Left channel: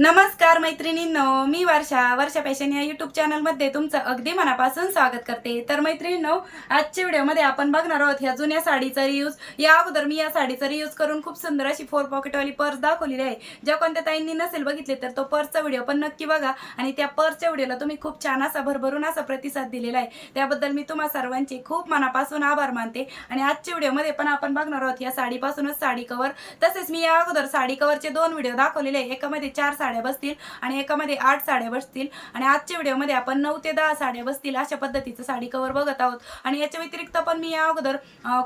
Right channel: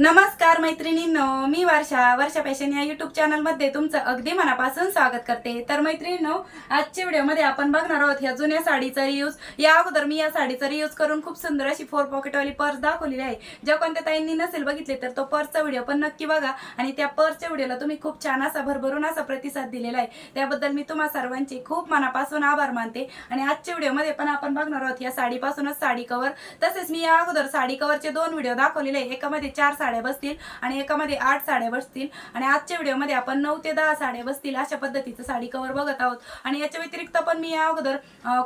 नमस्कार मैत्रिणींनो मी वर्षा. वर्षा पॅशन या युट्यूब चॅनलमध्ये तुमचं अगदी मनापासून स्वागत करते. तर मैत्रिणींनो आजच्या व्हिडिओमध्ये आपण बघणार आहोत ह्या जुन्या साडीचा रियूज या अगोदर मी या साडीचा रियूज करून खूप सुंदर अशी फोर पॉकेटवाली पर्स दाखवलेली आहे. ज्या कोणत्या ताईंनी नसेल बघितले तर तो पर्सचा व्हिडिओ पण नक्की बघा. आणि त्या पर्सच्या व्हिडिओला तुम्ही खूप छान असा भरभरून असा प्रतिसाद दिलेला आहे. त्याबद्दल मी तुम्हा सर्वांचे खूप मनापासून आभार मानते. आणि आजच्या व्हिडिओमध्ये पण आपण बघणार आहोत या साडीपासूनच साडी कवर तसेच मी या अगोदर साडी कवरचे दोन व्हिडिओ दाखवलेले आहे. एकामध्ये चार साड्या बसतील आणि एकामध्ये आठ साड्या बसतील आणि आजच्या व्हिडिओमध्ये आपण नऊ ते दहा साड्या बसतील अशा पद्धतीचं साडी कवर बघत आहोत. आणि याच्या व्यतिरिक्त पण मी या अगोदर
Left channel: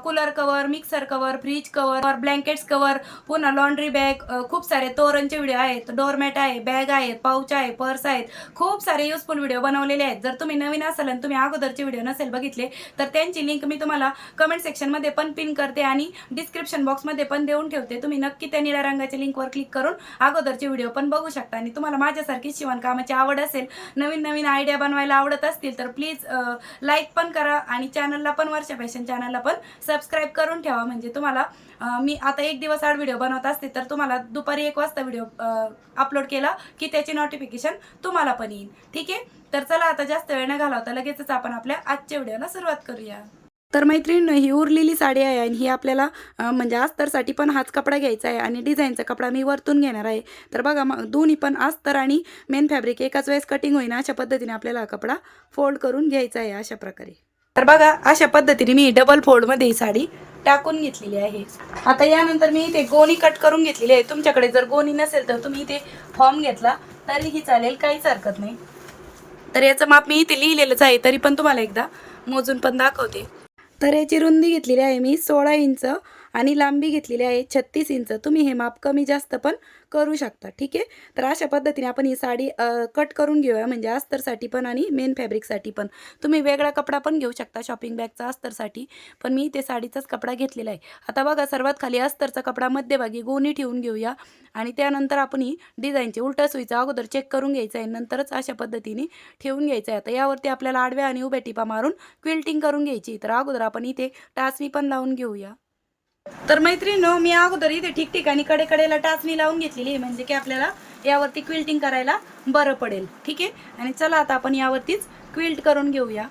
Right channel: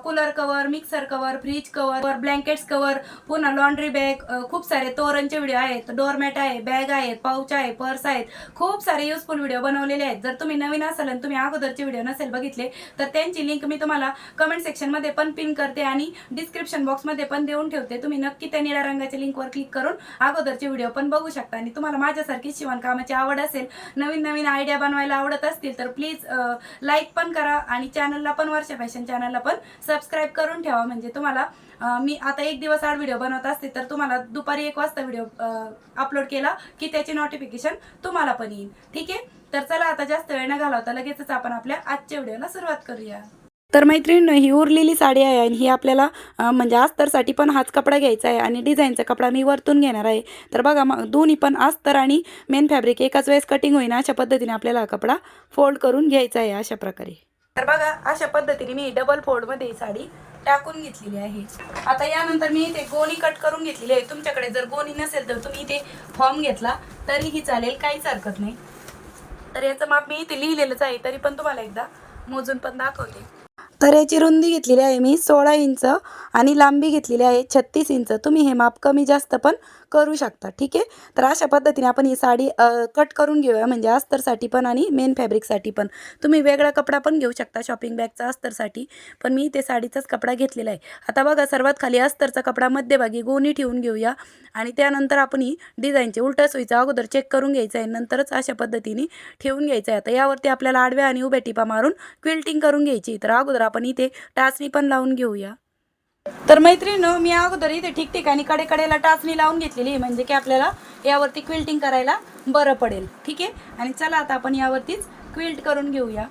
cooler cover mixer cover fridge cover blankets cover पुन्हा लॉन्ड्री बॅग खूप सारे तोरणचे व्हिडिओ आहेत डोरमॅट आहे बॅग आहेत पाऊच आहे पर्स आहेत. खूप सारे युजफुल व्हिडिओ बनवलेले आहेत. जर तुम्ही नवीन असाल आणि तुम्ही अगोदरचे व्हिडिओ नसेल बघितले तर त्यांची लिंक मी तुम्हाला कमेंट सेक्शनमध्ये पण पिन करते आणि डिस्क्रिप्शन बॉक्समध्ये पण देऊन ठेवते. तुम्ही नक्की त्या निळ्या रंगाच्या लिंकवर क्लिक करून अगोदरचे व्हिडिओ पण बघू शकता. आणि तुम्हाला माझ्यासारखी शिवणकामाची आवड असेल नवीन नवीन आयडिया बनवायला आवडत असतील तर प्लीज लाईक पण करा आणि चॅनलला पण वर्षा फॅशन चॅनलला पण सबस्क्राईब करून ठेवा. म्हणजे तुम्हाला मी आता एक दिवस आड व्हिडिओ बनवत असते तर तुम्हाला दुपारी एक वाजता व्हिडिओ अपलोड केला की त्याची नोटिफिकेशन तुम्हाला पण येईल. ठीक आहे? तर चला आता जास्त वेळ न घालवता लगेचच आपण आपल्या आजच्या व्हिडिओला सुरुवात करूया. तर मैत्रीण ही उरलेली साडी आहे आणि ही आपल्याला म्हणजे अस्तरसाठी पण हाच कपडा घ्यायचा आहे आणि डिझाईनचा कपडा मी वरतून घेणार आहे. तर बघा मग दोन्ही पण अस्तर आणि मेन फॅब्रिक एकाच वेळेस कटिंग होईना अशा पद्धतीने आपल्याला हा कपडा फोल्ड करून घ्यायचा आहे अशा प्रकारे. तर बघा अशा पद्धतीने मी डबल फोल्डमध्ये ही साडी टाकून घेतलेली आहे. आता यानंतर मी इथे गोणी कट करून घेतलेली आहे. तुमच्याकडे जर गोणी नसेल तर तुम्ही इथे फॉर्म घेतला तरीही चालेल काहीच हरकत नाही. तर याचं माप मी इथे लिहिलेलंच आहे तरी पण तुम्हाला एकदा मोजून पण दाखवते. तर याची रुंदी घेतलेली आहे मी. सोळा इंच आणि लांबी घेतलेली आहे छत्तीस इंच. तुम्ही हे माप कमी जास्त पण करू शकता ठीक आहे? तर अशा पद्धतीने आपण ही साडी कट करून घेऊया म्हणजे अस्तरसाठी पण आणि मेन फॅब्रिकसाठी पण. तुम्ही वेगळा कपडा पण घेऊ शकता शॉपिंग बॅगचा अस्तरसाठी पण मी ते साडीचाच कपडा घेतलेला आहे. आता बघा सर्वात खाली अस्तरचा कपडा मध्यभागी गोणी ठेवून घेऊया आणि त्यानंतर आपण ही डिझाईनचे उलटा सुईचा अगोदर चेक करून घ्यायचं आहे नंतरच अशा पद्धतीने ठेवून घ्यायचं आहे. आता यावरती आपल्याला आडव्या आणि उभ्या टिपा मारून क्विल्टिंग करून घ्यायची तर अगोदर आपण इथे टाचणी पण लावून घेऊया. तर मैत्रिणी मी अगोदर इथे ठिकठिकाणी कडेकडेला टाचणी लावून घेतलेली म्हणजे की आपल्याला यावरती क्विल्टिंग करायला बरं पडेल. ठीक आहे? आणि चला आता आपण यावरतीच क्विल्ट करून घेऊया.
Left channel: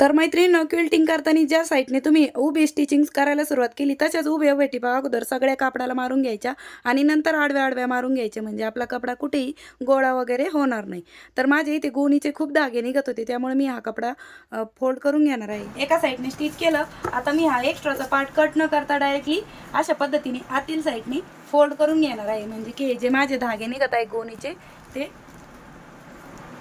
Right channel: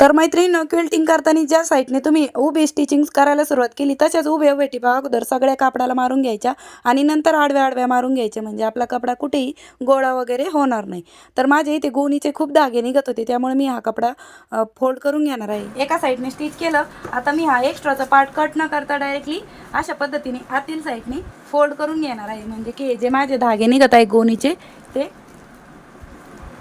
तर मैत्रिणीनं क्विल्टिंग करताना ज्या साईडने तुम्ही उभी स्टिचिंग करायला सुरुवात केली तशाच उभे वेटी टिपा अगोदर सगळ्या कापडाला मारून घ्यायच्या आणि नंतर आडव्या आडव्या मारून घ्यायचे. म्हणजे आपला कपडा कुठेही गोळा वगैरे होणार नाही. तर माझे इथे गोणीचे खूप धागे निघत होते त्यामुळे मी हा कपडा फोल्ड करून घेणार आहे. एका साईडने स्टिच केलं. आता मी हा एक्स्ट्राचा पार्ट कट न करता डायरेक्टली अशा पद्धतीने आतील साईडने फोल्ड करून घेणार आहे. म्हणजे की जे माझे धागे निघत आहे गोणीचे ते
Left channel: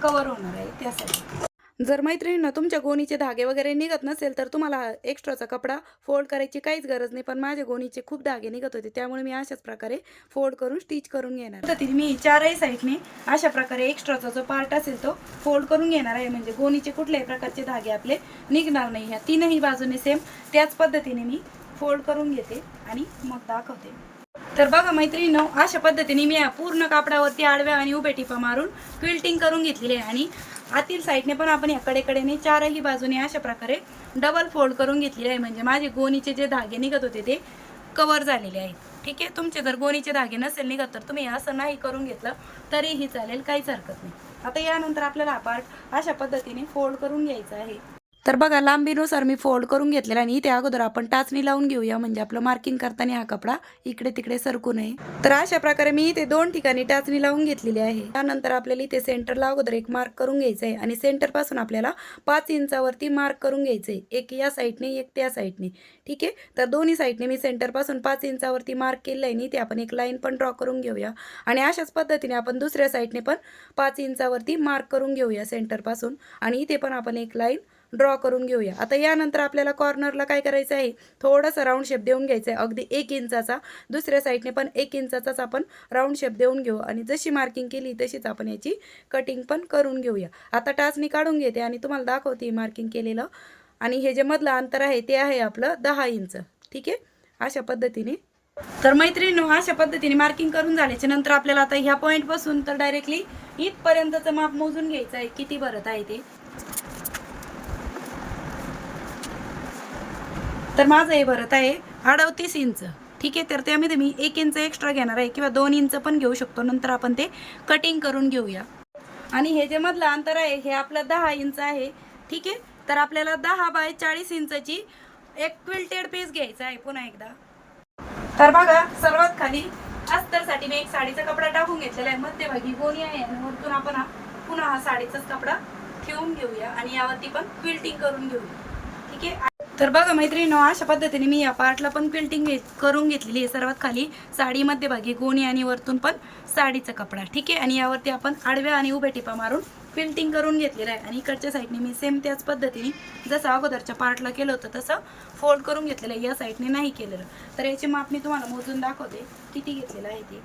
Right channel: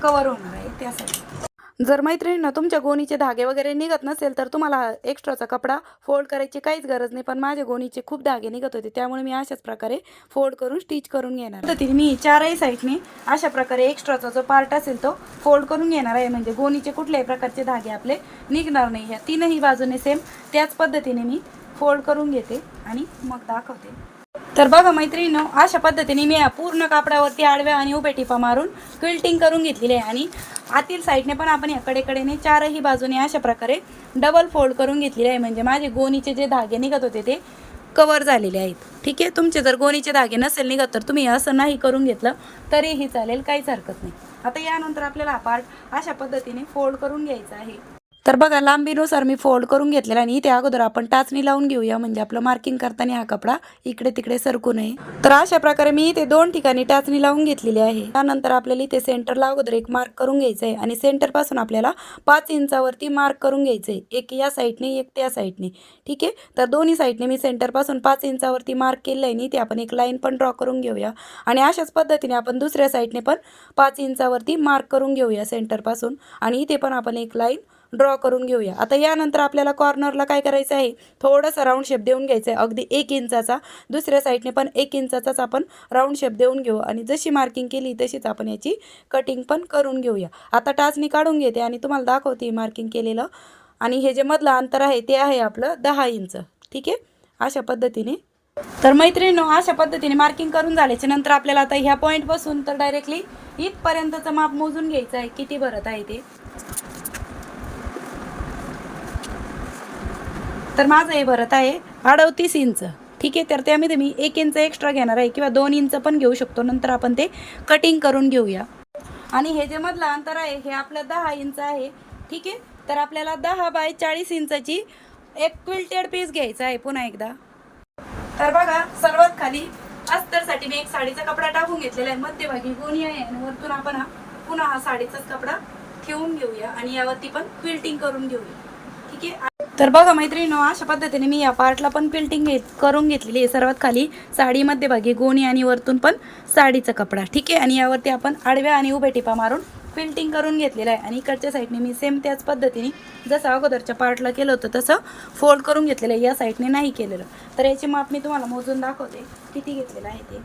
कवर होणार आहे त्यासाठी जर मैत्रिणींना तुमच्या गोणीचे धागे वगैरे निघत नसेल तर तुम्हाला एक्स्ट्राचा कपडा फोल्ड करायची काहीच गरज नाही. पण माझ्या गोणीचे खूप धागे निघत होते. त्यामुळे मी अशाच प्रकारे फोल्ड करून स्टिच करून घेणार पद्धतीने मी चारही साईडने अशा प्रकारे एक्स्ट्राचा जो पार्ट असेल तो फोल्ड करून घेणार आहे. म्हणजे गोणीचे कुठल्याही प्रकारचे धागे आपले निघणार नाही. ह्या तीनही बाजूने सेम त्याच पद्धतीने मी फोल्ड करून घेते आणि मग दाखवते. तर बघा मैत्रिणीनो अशा पद्धतीने मी या पूर्ण कापडावरती आडव्या आणि उभ्या टिपा मारून क्विल्टिंग करून घेतलेली आहे. आणि आतील साईडने पण आपण या चारही बाजूने अशा प्रकारे डबल फोल्ड करून घेतलेले आहे. म्हणजे माझे गोणीचे जे धागे निघत होते ते कवर झालेले आहेत. ठीक आहे? तुमचे जर गोणीचे धागे नसेल निघत तर तुम्ही असं नाही करून घेतलं तरीही चालेल काहीच हरकत नाही. आता यानंतर आपल्याला हा पार्ट अशा पद्धतीने फोल्ड करून घ्यायचा आहे. तर बघा लांबीनुसार मी फोल्ड करून घेतलेला आणि इथे अगोदर आपण टाचणी लावून घेऊया. म्हणजे आपलं मार्किंग करताना हा कपडा इकडे तिकडे सरकू नये. तर अशा प्रकारे मी इथे दोन ठिकाणी टाचणी लावून घेतलेली आहे. त्यानंतर आपल्याला इथे सेंटरला अगोदर एक मार्क करून घ्यायचं आहे आणि सेंटरपासून आपल्याला पाच इंचावरती मार्क करून घ्यायचं आहे. एक या साईडने एक त्या साईडने ठीक आहे? तर दोन्ही साईडने मी सेंटरपासून पाच इंचावरती मार्क केलं आहे आणि इथे आपण एक लाईन पण ड्रॉ करून घेऊया. आणि अशाच पद्धतीने आपण दुसऱ्या साईडने पण पाच इंचावरती मार्क करून घेऊया सेंटरपासून आणि इथे पण आपण एक लाईन ड्रॉ करून घेऊया. आता यानंतर आपल्याला कॉर्नरला काय करायचं आहे? थोडंसं राऊंड शेप देऊन घ्यायचं आहे. अगदी एक इंचाचा दुसऱ्या साईडने पण एक इंचाचाच आपण राऊंड शेप देऊन घेऊ. आणि जशी मार्किंग केली तशीच आपण याची कटिंग पण करून घेऊया. आता टाचणी काढून घेते आणि तुम्हाला दाखवते मार्किंग केलेलं. आणि हे जे मधलं अंतर आहे ते आहे आपलं दहा इंच. ठीक आहे? अशा पद्धतीने. तर मैत्रिणीनो अशा पद्धतीने मार्किंग करून झाल्याच्यानंतर आपल्याला आता ह्या पॉईंट बसून तर डायरेक्टली इथपर्यंतचं माप मोजून घ्यायचं आहे. किती भरत आहे ते? तर माझं हे भरत आहे अडवतीस इंच. ठीक आहे तर त्यामध्ये मी एक इंच एक्स्ट्रा घेणार आहे किंवा दोन इंच पण घेऊ शकतो. नंतर आपण ते कटिंग करून घेऊया. आणि हे जे मधलं अंतर आहे हे आपलं दहा इंच आहे. ठीक आहे तर आपल्याला दहा बाय चाळीस इंचाची एक क्विल्टेड पीस घ्यायचा आहे पुन्हा एकदा. तर बघा सर्वात खाली अस्तरसाठी मी एक साडीचा कपडा टाकून घेतलेला आहे. मध्यभागी गोणी आहे आणि वरतून आपण हा पुन्हा हा साडीचाच कपडा ठेवून घेऊया आणि यावरती पण क्विल्टिंग करून घेऊया. ठीक आहे तर बघा मैत्रिणी अशा पद्धतीने मी या पार्टला पण क्विल्टिंग घेत करून घेतलेली आहे. सर्वात खाली साडी मध्यभागी गोणी आणि वरतून पण साडीचा कपडा. ठीक आहे? आणि यावरती आपण आडव्या आणि उभ्या टिपा मारून क्विल्टिंग करून घेतलेलं आहे. आणि इकडच्या साईडने मी सेम त्याच पद्धतीने जसं अगोदरच्या पार्टला केलं होतं तसं फोल्ड करून घेतलेलं आहे. या साईडने नाही केलेलं. तर याचे माप मी तुम्हाला मोजून दाखवते. किती घेतलेलं आहे ते.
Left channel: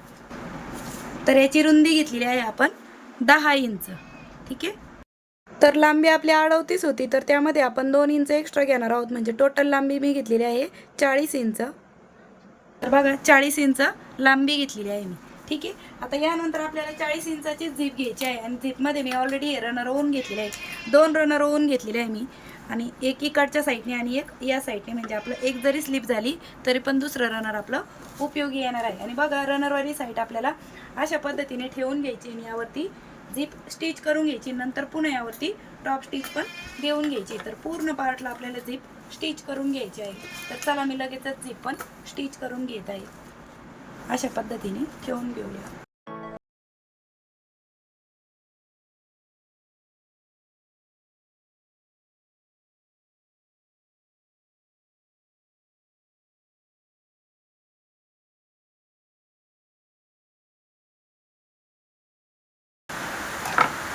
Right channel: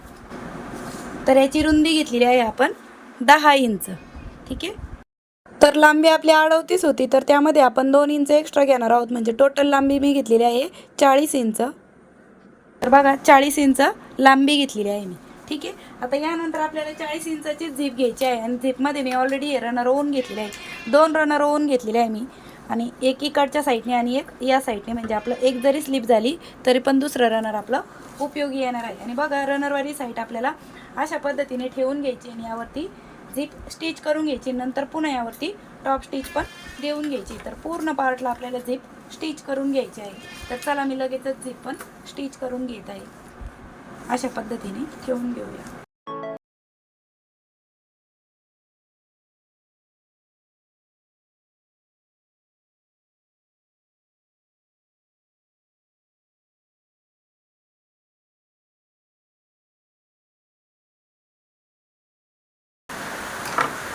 तर याची रुंदी घेतलेली आहे आपण दहा इंच. ठीक आहे? तर लांबी आपली अडवतीस होती तर त्यामध्ये आपण दोन इंच एक्स्ट्रा घेणार आहोत. म्हणजे टोटल लांबी मी घेतलेली आहे चाळीस इंच. तर बघा चाळीस इंच लांबी घेतलेली आहे मी. ठीक आहे? आता यानंतर आपल्याला चाळीस इंचाची झीप घ्यायची आहे आणि झीपमध्ये मी ऑलरेडी रनर ओन घेतलेले आहे. दोन रनर ओन घेतलेले आहे मी. आणि एक इकडच्या साईडने आणि एक या साईडने म्हणजे आपलं एक जरी स्लिप झाली तरी पण दुसरं रनर आपलं उपयोगी येणार आहे. आणि बघा रनरवाली साईड आपल्याला अशा पद्धतीने ठेवून घ्यायची आणि यावरती झिप स्टिच करून घ्यायची नंतर पुन्हा यावरती टॉप स्टिच पण देऊन घ्यायची. तर पूर्ण पार्टला आपल्याला झिप स्टिच करून घ्यायची आहे. तर चला मी लगेचच झिप पण स्टिच करून घेत आहे. अशा पद्धतीने ठेवून घेऊया.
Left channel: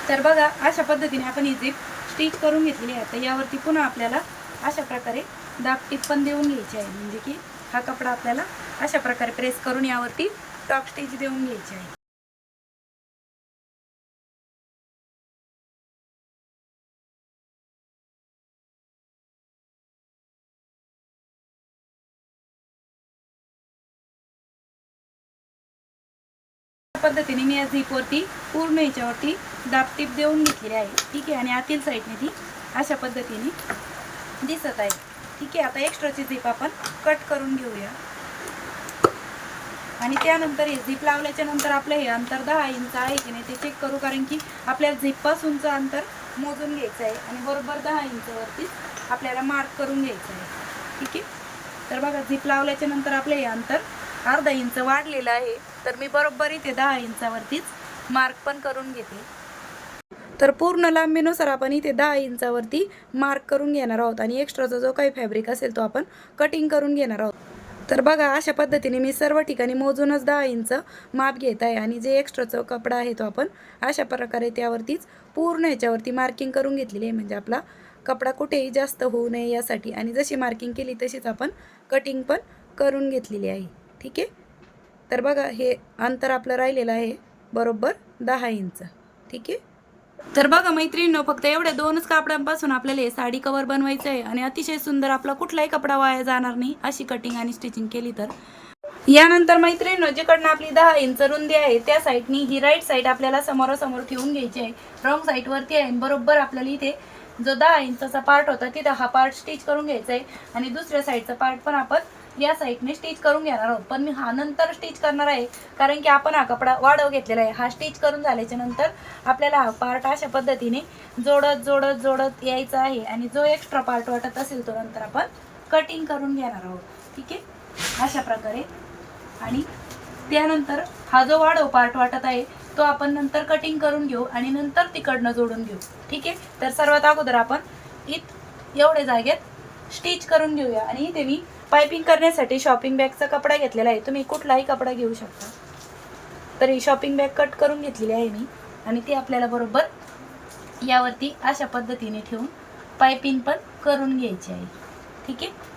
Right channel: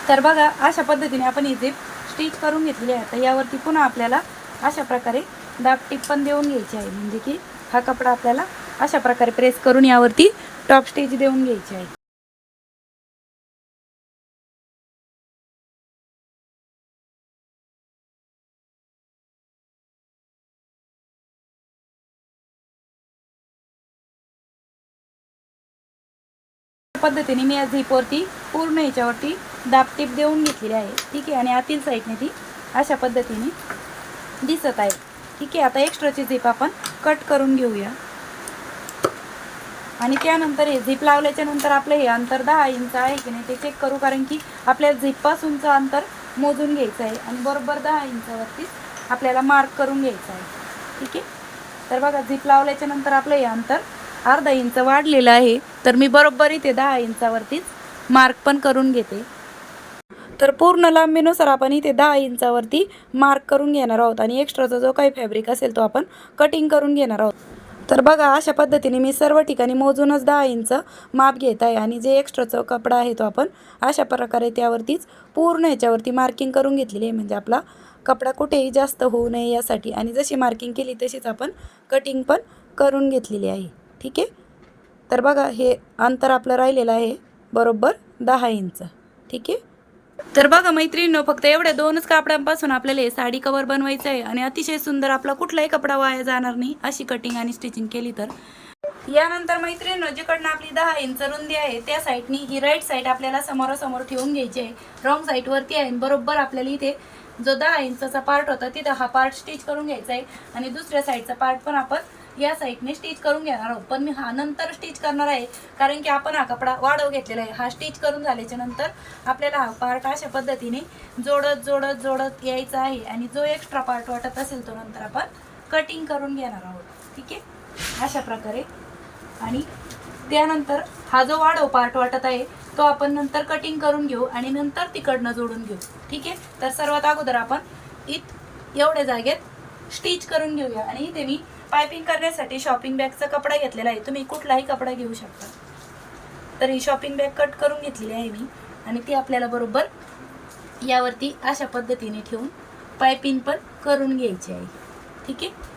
तर बघा अशा पद्धतीने आपण ही झीप स्टिच करून घेतली आहे. तर यावरती पुन्हा आपल्याला अशा प्रकारे दाबटीप पण देऊन घ्यायची आहे. म्हणजे की हा कपडा आपल्याला अशा प्रकारे प्रेस करून यावरती टॉप स्टिच देऊन घ्यायची आहे. पद्धतीने मी या झीपवरती पूर्ण याच्यावरती दाबटीप देऊन घेतलेली आहे. ठीक आहे? आणि आतील साईडने ती अशा पद्धतीने दिसत आहे. ठीक आहे? आता एक्स्ट्राची झीप आपण कट करून घेऊया. आणि त्यानंतर हे झीप लावल्याच्या नंतर आपलं हे अंतर दहा इंच आहे की नाही ते चेक करू कारण की आपल्या झीपपासूनचं अंतर मोजून घ्यायचं आहे. आणि बरोबर दहा इंचावरतीच आपल्याला मार्क करून घ्यायचं आहे. ठीक आहे? तर बघा झीप लावल्याच्या नंतर आपलं हे अंतर अर्धा इंच वाढलेलं आहे. तर मी बरोबर इथे दहा इंचावरतीच. मार्क पण करून घेते. तर पूर्ण लांबीनुसार आपण इथे दहा इंचावरती मार्क करून घेणार आहोत आणि एक्स्ट्राचा जो काही फॅब्रिक असेल तो आपण कटिंग करून घेणार आहोत. तर बघा अशा पद्धतीने मी सर्व ठिकाणी मोजूनच दहा इंच माप घेत आहे आणि जे एक्स्ट्राचा कपडा आहे तो आपण अशा प्रकारे त्यावरतीच पूर्ण ह्याच्यावरती मार्किंग करून घेतलेली आहे. म्हणजे आपला कपडा कुठेही जास्त होऊ नये यासाठी आणि जशी मार्किंग केली तशीच आपण कटिंग पण करून घेतलेली आहे. ठीक आहे? तर बघा हे अंतर आपलं राहिलेलं आहे बरोबर दहा इंच. ठीक आहे? तर बघा मैत्रिणीनं फक्त एवढ्या दोनच कापडांपासून आपल्याला हे साडी कवर बनवायचं आहे आणि अतिशय सुंदर आपला कुठलाही कपडा वाया जाणार नाही अशी कटिंग आणि स्टिचिंग केली तर. यानंतर मैत्रिणीनं जिकडनं आपली दहा इंच रुंदी आहे त्या साईडनी ही राईट साईड आपल्याला समोरासमोर ठेवून घ्यायची आहे. रॉंग साईडवरती आहे आणि बरोबर आपल्याला इथे जो दहा इंचा पार्ट होता तिथं हा पार्ट स्टिच करून घ्यायचा आहे. आणि दुसऱ्या साईडचा पार्ट पण आपण या साईडने स्टिच करून घेणार आहोत. पण मी हा नंतर स्टिच करणार आहे कारण की आपण हा कपडा वाढव घेतलेला आहे. हा स्टिच करून झाल्याच्यानंतर आपल्याला हा पार्ट अशा पद्धतीने जोडत जोडत जोडत यायचा आहे. आणि जो एक्स्ट्रा पार्ट वाटत असेल तो नंतर आपण कटिंग करून घेणार आहोत. ठीक आहे? अशा प्रकारे. आणि त्यानंतर हा जो वाढव पार्ट वाटत आहे तो आपण नंतर कटिंग करून घेऊ आणि नंतर तिकडनं जोडून घेऊ. ठीक आहे? तर सर्वात अगोदर आपण इत एवढ्या जागेत स्टिच करून घेऊया. आणि इथे मी पायपिंग करण्यासाठी शॉपिंग बॅगचा कपडा घेतलेला आहे. तुम्ही कुठलाही कपडा घेऊ शकता. तर ही शॉपिंग बॅग कट करून घेतलेली आहे मी. आणि ती आपल्याला बरोबर यावरती अशा पद्धतीने ठेवून पायपिंग पण करून घ्यायची आहे. ठीक आहे?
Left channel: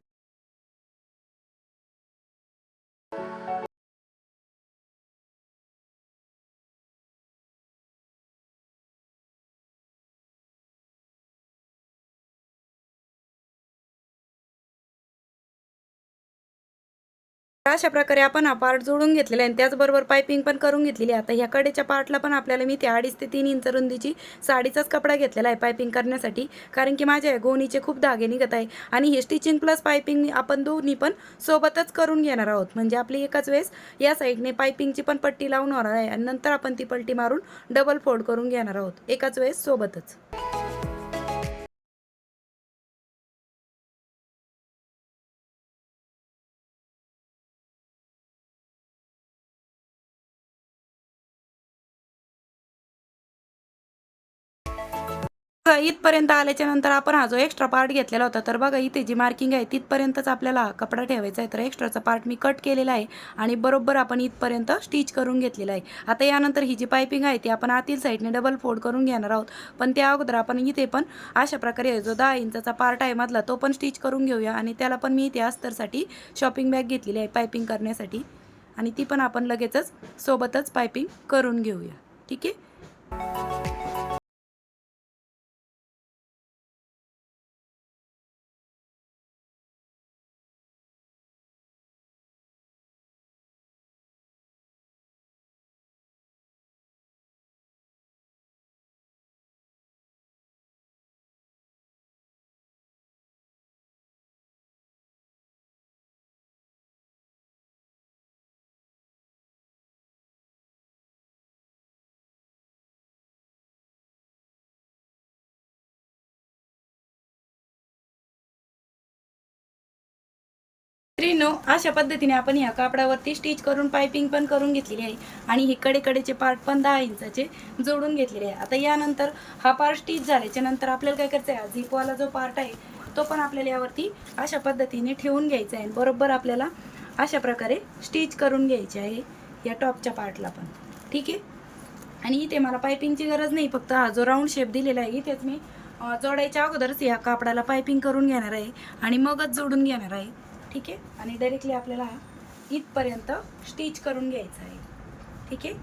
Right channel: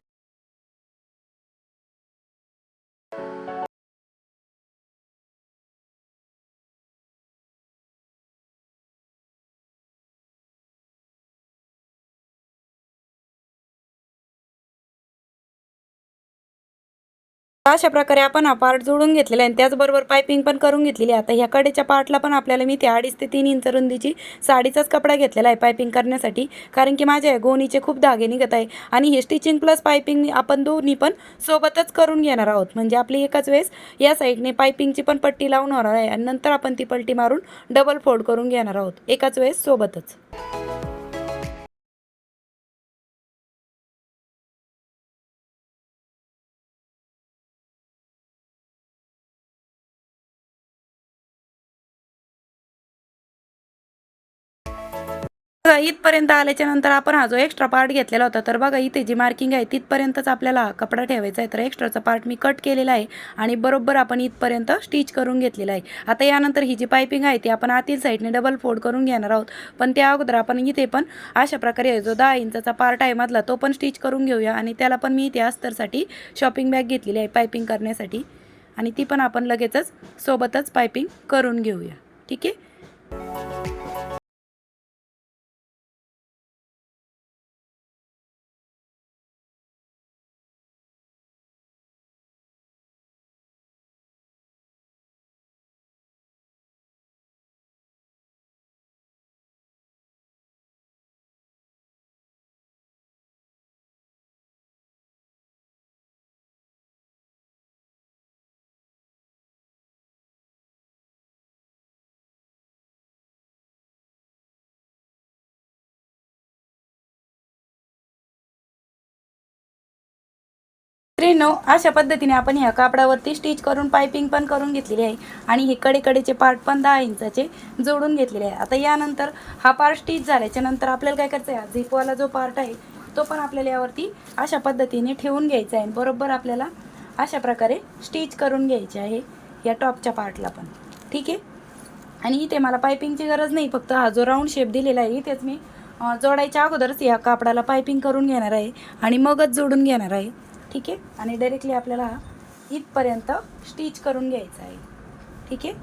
अशा प्रकारे आपण हा पार्ट जोडून घेतलेला आहे. आणि त्याचबरोबर पायपिंग पण करून घेतलेली आहे. आता ह्या कडेच्या पार्टला पण आपल्याला मी ते अडीच ते तीन इंच रुंदीची साडीचाच कपडा घेतलेला आहे पायपिंग करण्यासाठी. कारण की माझ्या गोनीचे गोणीचे खूप धागे निघत आहे. आणि हे स्टिचिंग प्लस पायपिंग आपण दोन्ही पण सोबतच करून घेणार आहोत. म्हणजे आपली एकाच वेळेस या साईडने पायपिंगची पण पट्टी लावून होणार आहे. आणि नंतर आपण ती पट्टी मारून डबल फोल्ड करून घेणार आहोत. एकाच वेळेस सोबतच. इथपर्यंत आल्याच्यानंतर आपण हा जो एक्स्ट्रा पार्ट घेतलेला होता तर बघा इथे जी मार्किंग आहे तिथपर्यंतच आपल्याला हा कपडा ठेवायचा आहे. तर एक्स्ट्राचा पार्ट मी कट केलेला आहे आणि बरोबर आपण इथपर्यंत स्टिच करून घेतलेला आहे. आता यानंतर ही जी पायपिंग आहे ती आपण आतील साईडने डबल फोल्ड करून घेणार आहोत. पण त्या अगोदर आपण इथे पण अशा प्रकारे जो दहा इंचाचा पार्ट आहे मधला तो पण स्टिच करून घेऊया आणि त्याला पण मी इथे अस्तरसाठी शॉपिंग बॅग घेतलेली आहे पायपिंग करण्यासाठी. आणि ती पण आपण लगेचच सोबतच पायपिंग करून घेऊया. ठीक आहे? मित्रांनो अशा पद्धतीने आपण ह्या कापडावरती स्टिच करून पायपिंग पण करून घेतलेली आहे. आणि हे कडेकडेचे पार्ट पण दहा इंचाचे जोडून घेतलेले आहे. आता यानंतर हा पार्ट स्टिच झाल्याच्यानंतर आपल्याला काय करायचं आहे झिपवाला जो पार्ट आहे तो पण आपल्याला यावरती अशा पद्धतीने ठेवून घ्यायचा आहे. बरोबर आपल्याला अशा प्रकारे स्टिच करून घ्यायचे आहे या टॉपच्या पार्टला पण. ठीक आहे? आणि इथे मला पायपिंगची गरज नाही. फक्त हा जो राऊंड शेप दिलेला आहे इथेच मी जोडायच्या अगोदरच या कापडाला पायपिंग करून घेणार आहे. आणि मगच जोडून घेणार आहे. ठीक आहे? आणि डायरेक्टली आपल्याला इथपर्यंत स्टिच करून घ्यायचं आहे. ठीक आहे?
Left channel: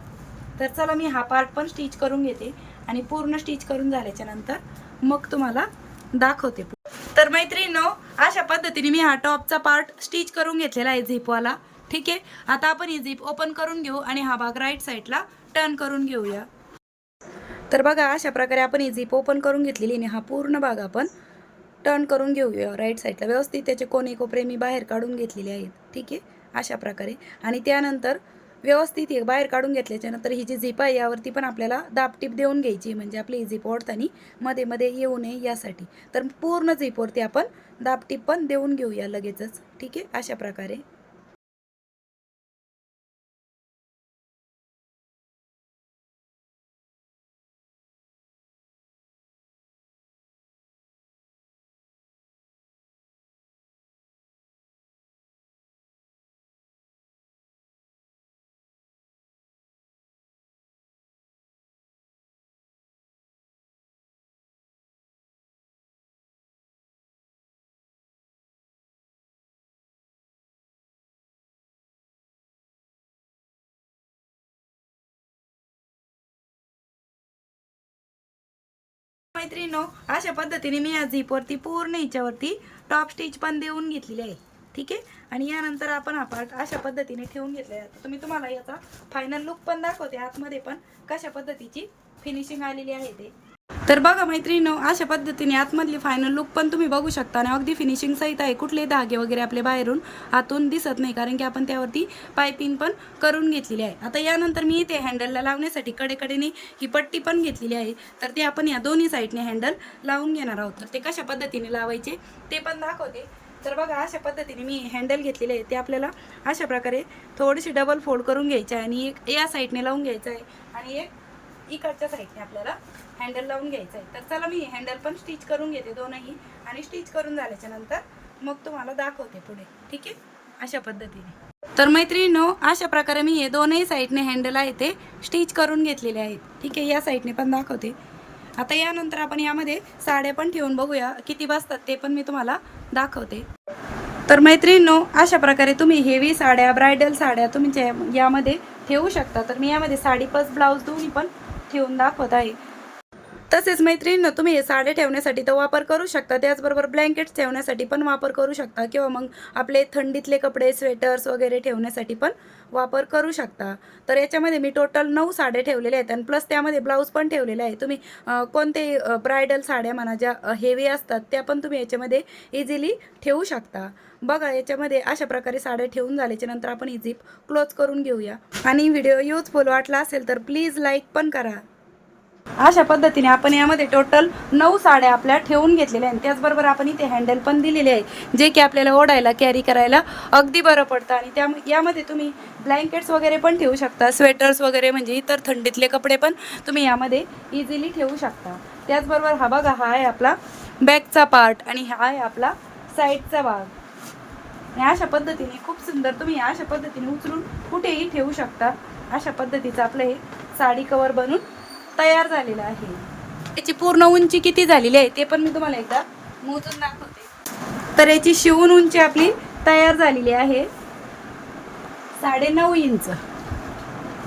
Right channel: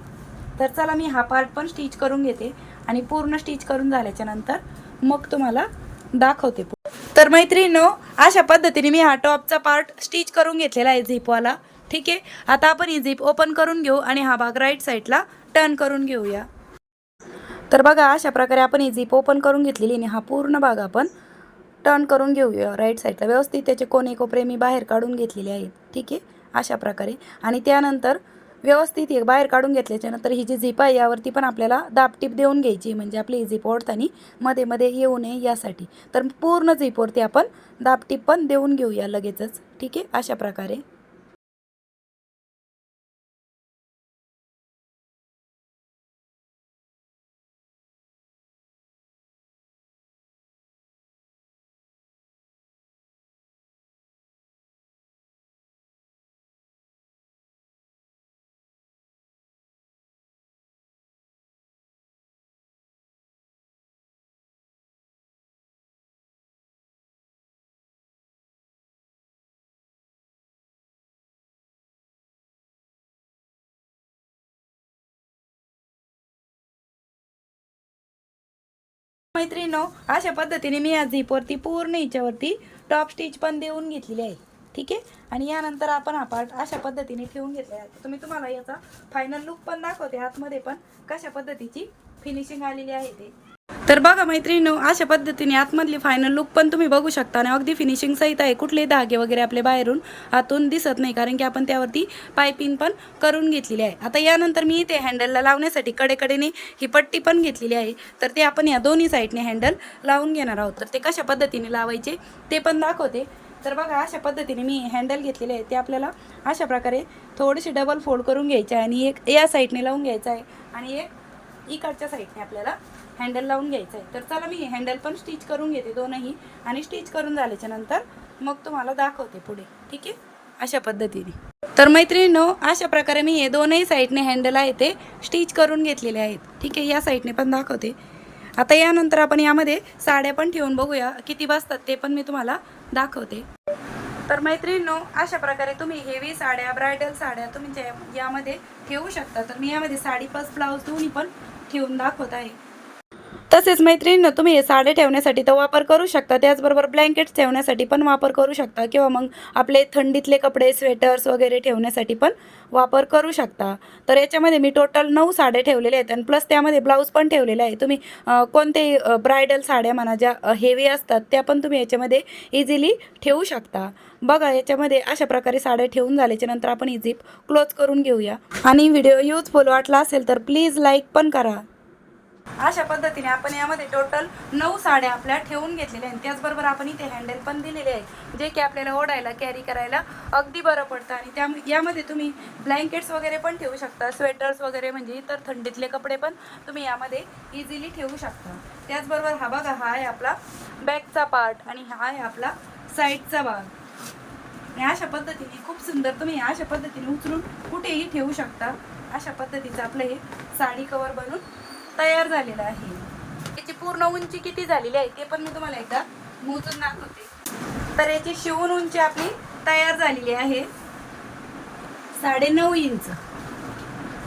तर चला मी हा पार्ट पण स्टिच करून घेते आणि पूर्ण स्टिच करून झाल्याच्यानंतर मग तुम्हाला दाखवते तर मैत्रिणीनो अशा पद्धतीने मी हा टॉपचा पार्ट स्टिच करून घेतलेला आहे झिपवाला. ठीक आहे? आता आपण ही झिप ओपन करून घेऊ आणि हा भाग राईट साईडला टर्न करून घेऊया. तर बघा अशा प्रकारे आपण ही झिप ओपन करून घेतलेली आणि हा पूर्ण भाग आपण टर्न करून घेऊया राईट साईडला व्यवस्थित त्याचे कोणे कोपरे मी बाहेर काढून घेतलेले आहेत. ठीक आहे? अशा प्रकारे. आणि त्यानंतर व्यवस्थित हे बाहेर काढून घेतल्याच्या नंतर ही जी झिप आहे यावरती पण आपल्याला दाबटीप देऊन घ्यायची आहे. म्हणजे आपली ही झिप ओढताना मध्ये मध्ये येऊ नये यासाठी. तर पूर्ण झिपवरती आपण दाबटीप पण देऊन घेऊया लगेचच. ठीक आहे? अशा प्रकारे. मैत्रिणीनो अशा पद्धतीने मी या झिपवरती पूर्ण हिच्यावरती टॉप स्टिच पण देऊन घेतलेली आहे. ठीक आहे? आणि यानंतर आपण हा पार्ट अशा पद्धतीने ठेवून घेतले आहे. तुम्ही तुम्हाला याचा फायनल लुक पण दाखवते. आतमध्ये पण कशा पद्धतीची फिनिशिंग आलेली आहे ते. तर बघा मैत्रिणीनो अशा पद्धतीने आतमधली फायनल लुक पण तुम्ही बघू शकता आणि अगदी फिनिशिंग सहित आहे. कुठले धागे वगैरे आपले बाहेरून आतून दिसत नाही कारण की आपण त्यावरती पायपिंग पण करून घेतलेली आहे. आता यानंतर मी इथे हँडलला लावण्यासाठी कडेकडेने ही पट्टी पण घेतलेली आहे. तर ते आपण या दोन्ही साईडने हँडल लावून घेणार आहोत. तर ते कशा पद्धतीने लावायचे ते पण दाखवते. तर बघा अशा पद्धतीने मी हँडल घेतलेले आहे. ते आपल्याला अशा प्रकारे थोडीशी डबल फोल्ड करून घ्यायचे आहे आणि एक या साईडने लावून घ्यायचं आहे आणि एक इकडच्या साईडने आपल्याला हँडल लावून घ्यायचं आहे तर चला मी हँडल पण स्टिच करून घेते दोनही आणि स्टिच करून झाल्याच्यानंतर मग तुम्हाला दाखवते पुढे. ठीक आहे? अशा पद्धतीने. तर मैत्रिणीनो अशा प्रकारे मी हे दोनही साईडने हँडल आहे ते स्टिच करून घेतलेले आहेत. ठीक आहे? या साईडने पण दाखवते. आता यानंतर आपण यामध्ये साड्या पण ठेवून बघूया. किती बसतात ते पण मी तुम्हाला दाखवते. तर मैत्रिणीनो अशा प्रकारे तुम्ही हेवी साड्या ब्रायडल साड्या तुम्ही यामध्ये ठेवू शकता. तर मी यामध्ये साडी प्लस ब्लाऊज दोन्ही पण ठेवून दाखवत आहे. तसेच मैत्रिणीनं तुम्ही हे साडे ठेवण्यासाठी तर वापर करू शकता त्याचबरोबर ब्लँकेट्स ठेवण्यासाठी पण वापर करू शकता किंवा मग आपले थंडीतले कपडे स्वेटर्स वगैरे ठेवण्यासाठी पण वापर करू शकता. तर याच्यामध्ये मी टोटल नऊ साड्या ठेवलेल्या आहेत आणि प्लस त्यामध्ये ब्लाऊज पण ठेवलेले आहे. तुम्ही कोणतेही कोणते ब्रायडल साड्या म्हणा ज्या हेवी असतात त्या पण तुम्ही याच्यामध्ये इझिली ठेवू शकता. बघा याच्यामध्ये अशा प्रकारे साड्या ठेवून झाल्याच्यानंतर आपण ही झीप क्लोज करून घेऊया. आणि व्हिडिओ युजफुल वाटला असेल तर प्लीज लाईक पण करा. अशा पद्धतीने आपण यामध्ये टोटल नऊ साड्या आपल्या ठेवून घेतलेल्या आहेत. त्याचबरोबर आपण इथे हँडल पण दिलेले आहे जे की आपल्याला ओढायला कॅरी करायला अगदी बरं पडतं. आणि त्या यामध्ये तुम्ही ब्लँकेट्स वगैरे पण ठेवू शकता स्वेटर्स वगैरे म्हणजे इतर थंडीतले कपडे पण तुम्ही यामध्ये इझिली ठेवू शकता. त्याचबरोबर हा बघा हा आहे आपला बॅकचा पार्ट आणि हा आहे आपला साईडचा भाग. अशा पद्धतीने खूप सुंदर तुम्ही अशा पद्धतीने उचलून कुठेही ठेवू शकता. अशा पद्धतीचं आपलं हे साडी कवर बनून तयार झालेलं आहे. याची पूर्ण उंची किती झालेली आहे ते पण मी तुम्हाला एकदा मोजून दाखवते. तर याची शिवून उंची आपली तयार झालेली आहे. साडे नऊ इंच.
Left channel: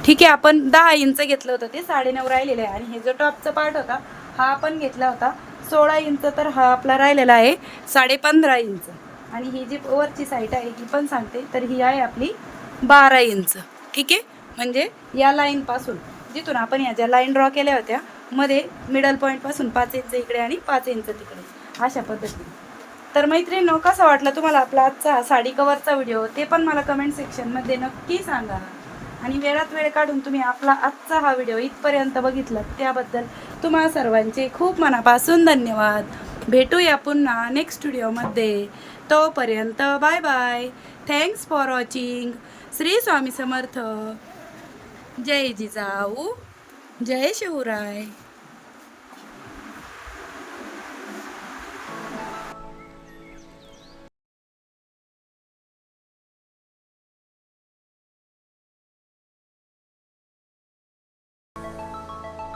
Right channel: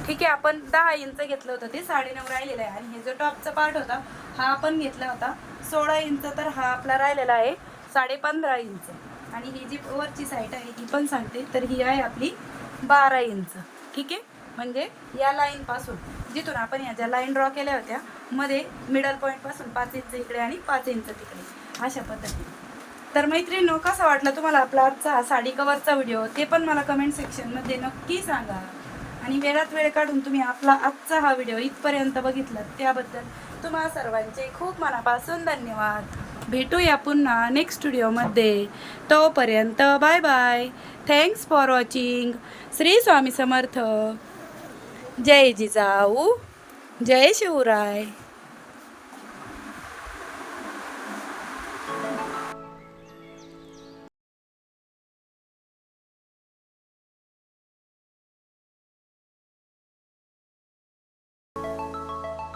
ठीक आहे आपण दहा इंच घेतलं होतं ते साडे नऊ राहिलेलं आहे. आणि हे जो टॉपचा पार्ट होता हा आपण घेतला होता. सोळा इंच तर हा आपला राहिलेला आहे साडे पंधरा इंच. आणि ही जी वरची साईट आहे ही पण सांगते. तर ही आहे आपली बारा इंच. ठीक आहे? म्हणजे या लाईनपासून जिथून आपण या ज्या लाईन ड्रॉ केल्या होत्या मध्ये मिडल पॉईंटपासून पाच इंच इकडे आणि पाच इंच तिकडे. अशा पद्धतीने. तर मैत्रिणींनो कसा वाटला तुम्हाला आपला आजचा साडी कवरचा व्हिडिओ ते पण मला कमेंट सेक्शनमध्ये नक्की सांगा. आणि वेळात वेळ काढून तुम्ही आपला आजचा हा व्हिडिओ इथपर्यंत बघितला त्याबद्दल तुम्हा सर्वांचे खूप मनापासून धन्यवाद. भेटूया पुन्हा नेक्स्ट व्हिडिओमध्ये तोपर्यंत bye bye thanks for watching Shri Swami Samarth. जय जिजाऊ जय शिवराय.